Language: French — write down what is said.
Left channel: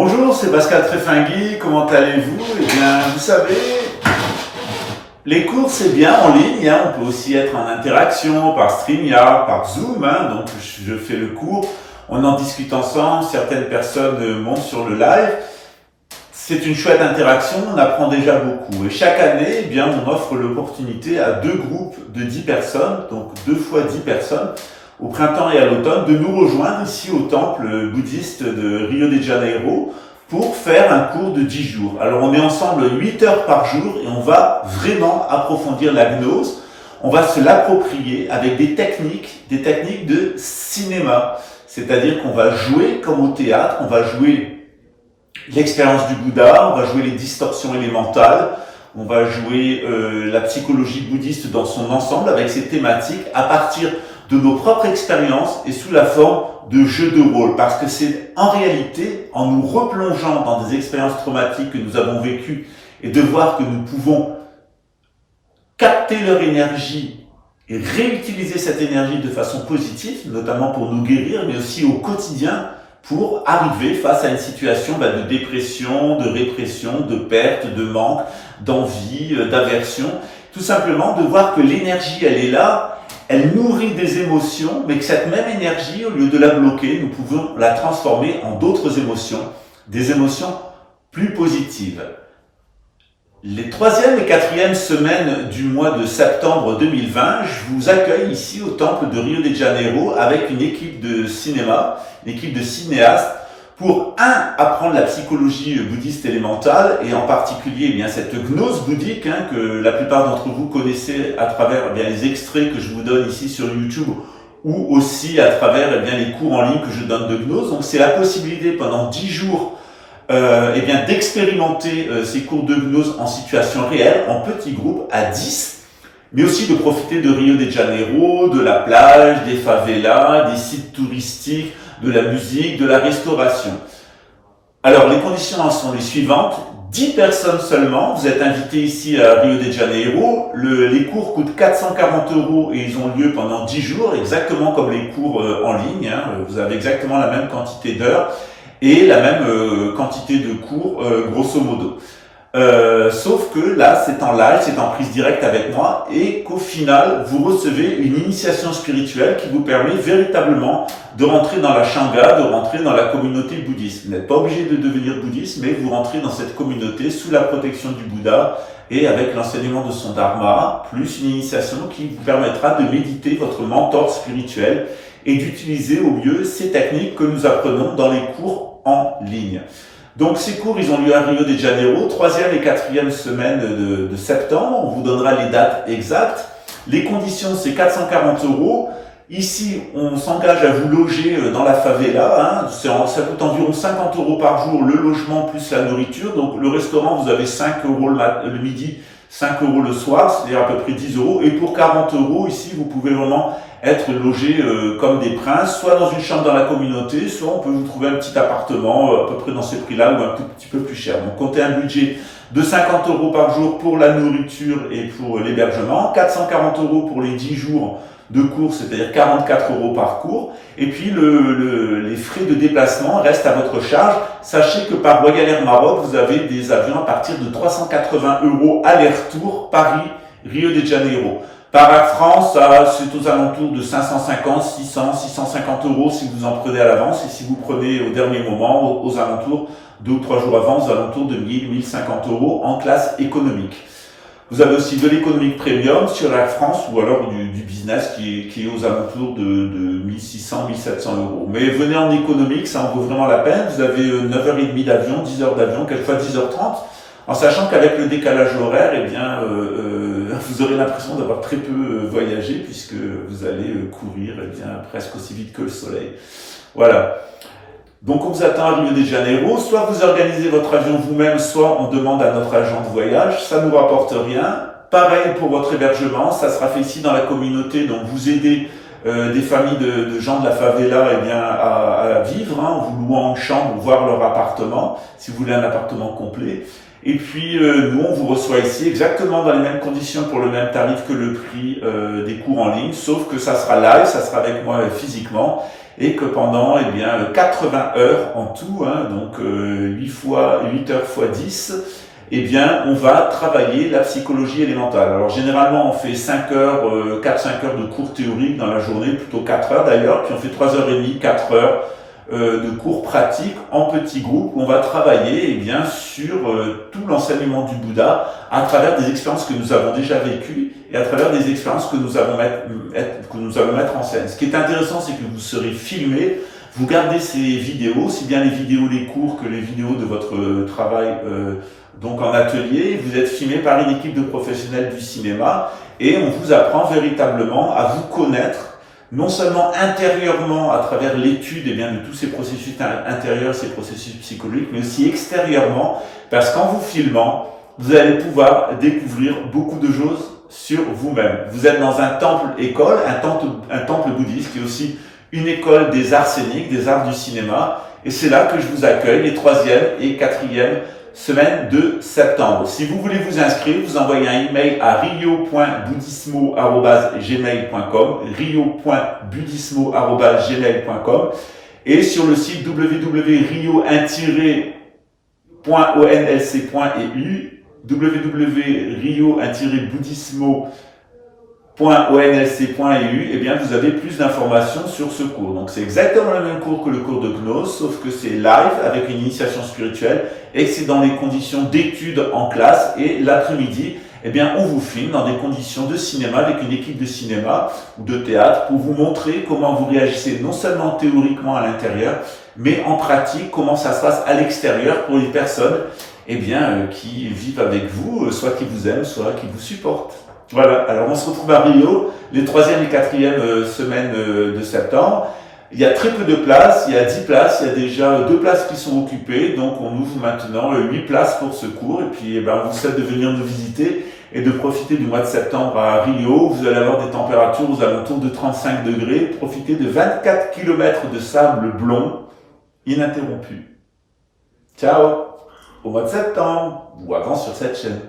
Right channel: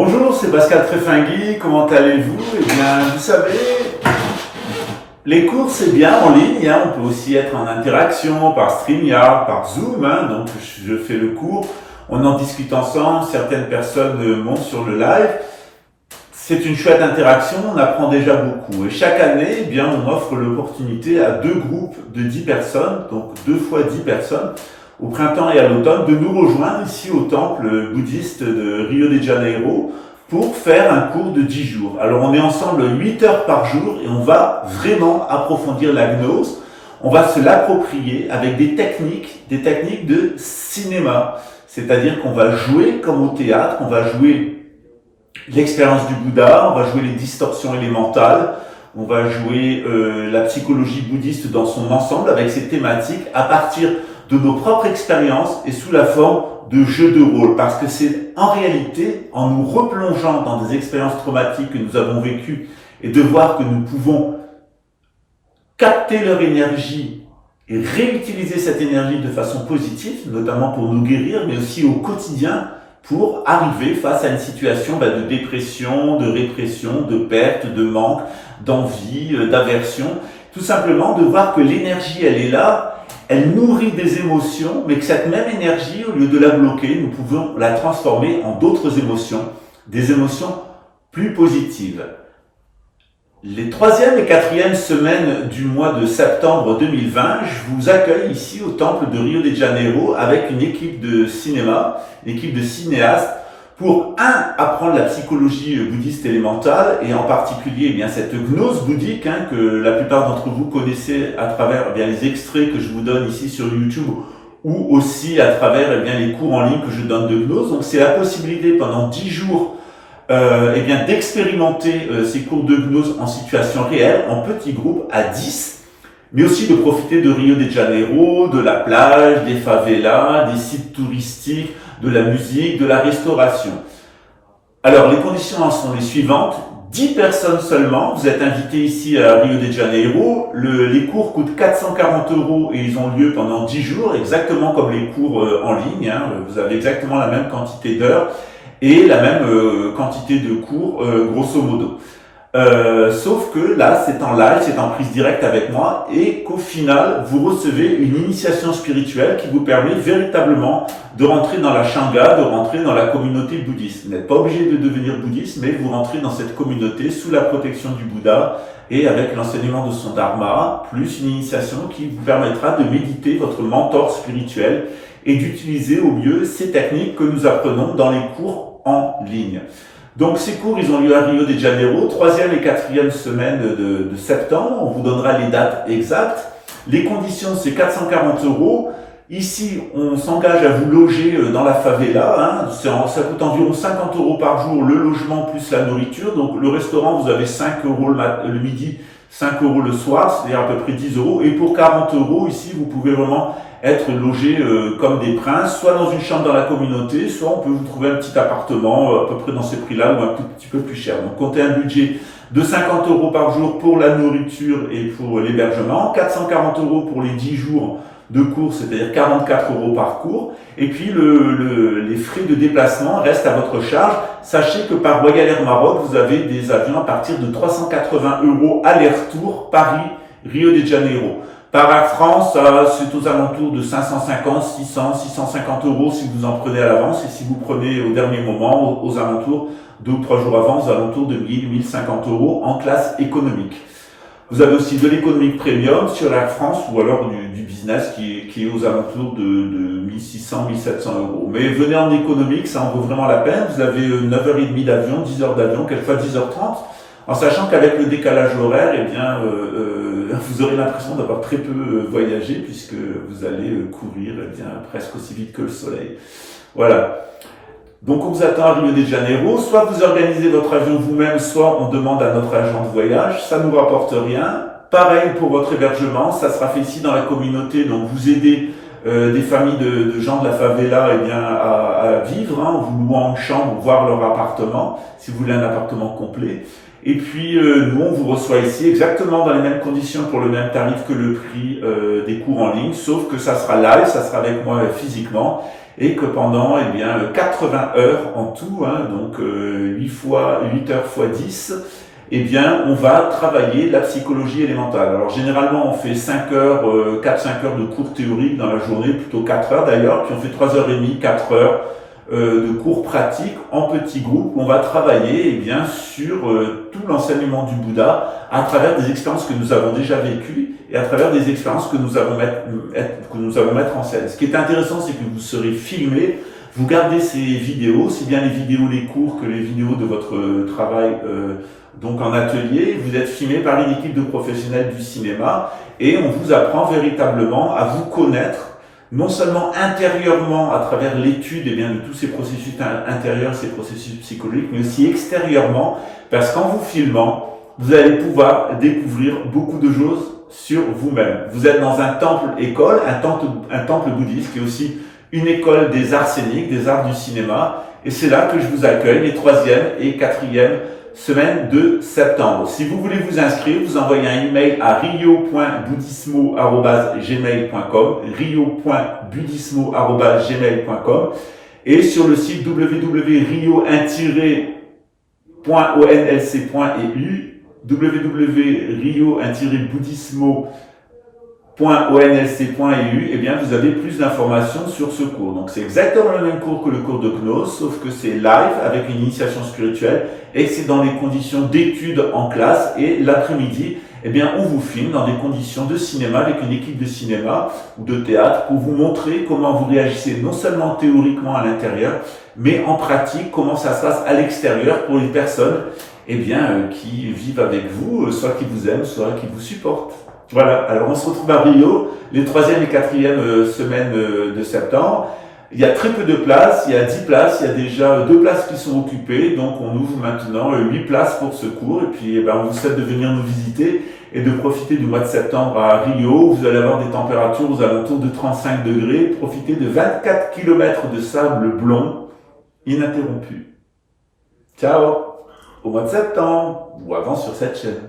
Bonjour, c'est Pascal Tréfingui, comment allez-vous? Eh bien, vous savez, les cours c'est bien en ligne, hein. On peut aussi être en interaction par StreamYard, par Zoom, hein. Donc je fais le cours, on en discute ensemble, certaines personnes montent sur le live. C'est une chouette interaction, on apprend déjà beaucoup. Et chaque année, eh bien, on offre l'opportunité à deux groupes de 10 personnes, donc 2 fois 10 personnes, au printemps et à l'automne, de nous rejoindre ici au temple bouddhiste de Rio de Janeiro pour faire un cours de 10 jours. Alors on est ensemble 8 heures par jour et on va vraiment approfondir la gnose. On va se l'approprier avec des techniques de cinéma. C'est-à-dire qu'on va jouer comme au théâtre, on va jouer l'expérience du Bouddha, on va jouer les distorsions élémentales, on va jouer la psychologie bouddhiste dans son ensemble avec ses thématiques à partir de nos propres expériences et sous la forme de jeux de rôle. Parce que c'est en réalité, en nous replongeant dans des expériences traumatiques que nous avons vécues et de voir que nous pouvons capter leur énergie et réutiliser cette énergie de façon positive, notamment pour nous guérir, mais aussi au quotidien, pour arriver face à une situation de dépression, de répression, de perte, de manque, d'envie, d'aversion. Tout simplement de voir que l'énergie, elle est là, elle nourrit des émotions, mais que cette même énergie, au lieu de la bloquer, nous pouvons la transformer en d'autres émotions, des émotions plus positives. Les 3e et 4e semaines du mois de septembre 2020, je vous accueille ici au temple de Rio de Janeiro avec une équipe de cinéma, une équipe de cinéastes, pour apprendre la psychologie bouddhiste élémentale et en particulier cette gnose bouddhique que la plupart d'entre vous connaissez à travers les extraits que je vous donne ici sur YouTube ou aussi à travers les cours en ligne que je donne de gnose. Donc c'est la possibilité pendant 10 jours d'expérimenter ces cours de gnose en situation réelle, en petits groupes, à 10, mais aussi de profiter de Rio de Janeiro, de la plage, des favelas, des sites touristiques, de la musique, de la restauration. Alors, les conditions en sont les suivantes. 10 personnes seulement, vous êtes invités ici à Rio de Janeiro. Les cours coûtent 440 € et ils ont lieu pendant 10 jours, exactement comme les cours en ligne. Vous avez exactement la même quantité d'heures et la même quantité de cours, grosso modo. Sauf que là, c'est en live, c'est en prise directe avec moi et qu'au final, vous recevez une initiation spirituelle qui vous permet véritablement de rentrer dans la Shanga, de rentrer dans la communauté bouddhiste. Vous n'êtes pas obligé de devenir bouddhiste, mais vous rentrez dans cette communauté sous la protection du Bouddha et avec l'enseignement de son Dharma, plus une initiation qui vous permettra de méditer votre mentor spirituel et d'utiliser au mieux ces techniques que nous apprenons dans les cours en ligne. Donc ces cours, ils ont lieu à Rio de Janeiro, 3e et 4e semaine de septembre. On vous donnera les dates exactes. Les conditions, c'est 440 €. Ici, on s'engage à vous loger dans la favela. Ça coûte environ 50 € par jour, le logement plus la nourriture. Donc le restaurant, vous avez 5 € le midi, 5 € le soir, c'est-à-dire à peu près 10 €. Et pour 40 € ici, vous pouvez vraiment être logé comme des princes, soit dans une chambre dans la communauté, soit on peut vous trouver un petit appartement à peu près dans ces prix-là ou un tout petit peu plus cher. Donc comptez un budget de 50 € par jour pour la nourriture et pour l'hébergement, 440 € pour les 10 jours de cours, c'est-à-dire 44 € par cours. Et puis les frais de déplacement restent à votre charge. Sachez que par Royal Air Maroc, vous avez des avions à partir de 380 € aller-retour Paris-Rio de Janeiro. Par Air France, c'est aux alentours de 550, 600, 650 € si vous en prenez à l'avance. Et si vous prenez au dernier moment, aux alentours, 2 ou 3 jours avant, aux alentours de 1000, 1050 € en classe économique. Vous avez aussi de l'économique premium sur Air France ou alors du business qui est aux alentours de 1600, 1700 €. Mais venez en économique, ça en vaut vraiment la peine. Vous avez 9h30 d'avion, 10 heures d'avion, quelquefois 10h30. En sachant qu'avec le décalage horaire, vous aurez l'impression d'avoir très peu voyagé puisque vous allez courir presque aussi vite que le soleil. Voilà. Donc on vous attend à Rio de Janeiro. Soit vous organisez votre avion vous-même, soit on demande à notre agent de voyage. Ça ne nous rapporte rien. Pareil pour votre hébergement, ça sera fait ici dans la communauté. Donc vous aidez des familles de gens de la favela eh bien, à vivre, hein, en vous louant une chambre, voir leur appartement, si vous voulez un appartement complet. Et puis nous, on vous reçoit ici exactement dans les mêmes conditions pour le même tarif que le prix des cours en ligne, sauf que ça sera live, ça sera avec moi physiquement, et que pendant eh bien 80 heures en tout, hein, donc 8 heures fois 10, eh bien, on va travailler la psychologie élémentale. Alors, généralement, on fait 5 heures, 4-5 heures de cours théoriques dans la journée, plutôt 4 heures d'ailleurs, puis on fait 3h30, 4 heures de cours pratiques en petits groupes où on va travailler eh bien, sur tout l'enseignement du Bouddha à travers des expériences que nous avons déjà vécues et à travers des expériences que nous allons mettre en scène. Ce qui est intéressant, c'est que vous serez filmé, vous gardez ces vidéos, aussi bien les vidéos des cours que les vidéos de votre travail donc en atelier. Vous êtes filmé par une équipe de professionnels du cinéma et on vous apprend véritablement à vous connaître non seulement intérieurement à travers l'étude eh bien, de tous ces processus intérieurs, ces processus psychologiques, mais aussi extérieurement, parce qu'en vous filmant, vous allez pouvoir découvrir beaucoup de choses sur vous-même. Vous êtes dans un temple-école, un temple bouddhiste, qui est aussi une école des arts scéniques, des arts du cinéma, et c'est là que je vous accueille les 3e et 4e semaine de septembre. Si vous voulez vous inscrire, vous envoyez un email à rio.buddhismo@gmail.com, rio.buddhismo@gmail.com, et sur le site www.rio-onlc.eu, www.rio-buddhismo.onlc.eu, eh bien, vous avez plus d'informations sur ce cours. Donc, c'est exactement le même cours que le cours de Gnose, sauf que c'est live avec une initiation spirituelle et que c'est dans les conditions d'études en classe. Et l'après-midi, eh bien, on vous filme dans des conditions de cinéma avec une équipe de cinéma ou de théâtre pour vous montrer comment vous réagissez non seulement théoriquement à l'intérieur, mais en pratique, comment ça se passe à l'extérieur pour les personnes, eh bien, qui vivent avec vous, soit qui vous aiment, soit qui vous supportent. Voilà, alors on se retrouve à Rio, les 3e et 4e semaines de septembre. Il y a très peu de places, il y a 10 places, il y a déjà 2 places qui sont occupées, donc on ouvre maintenant 8 places pour ce cours, et puis on vous souhaite de venir nous visiter et de profiter du mois de septembre à Rio. Vous allez avoir des températures aux alentours de 35 degrés, profitez de 24 km de sable blond ininterrompu. Ciao, au mois de septembre, ou avant sur cette chaîne.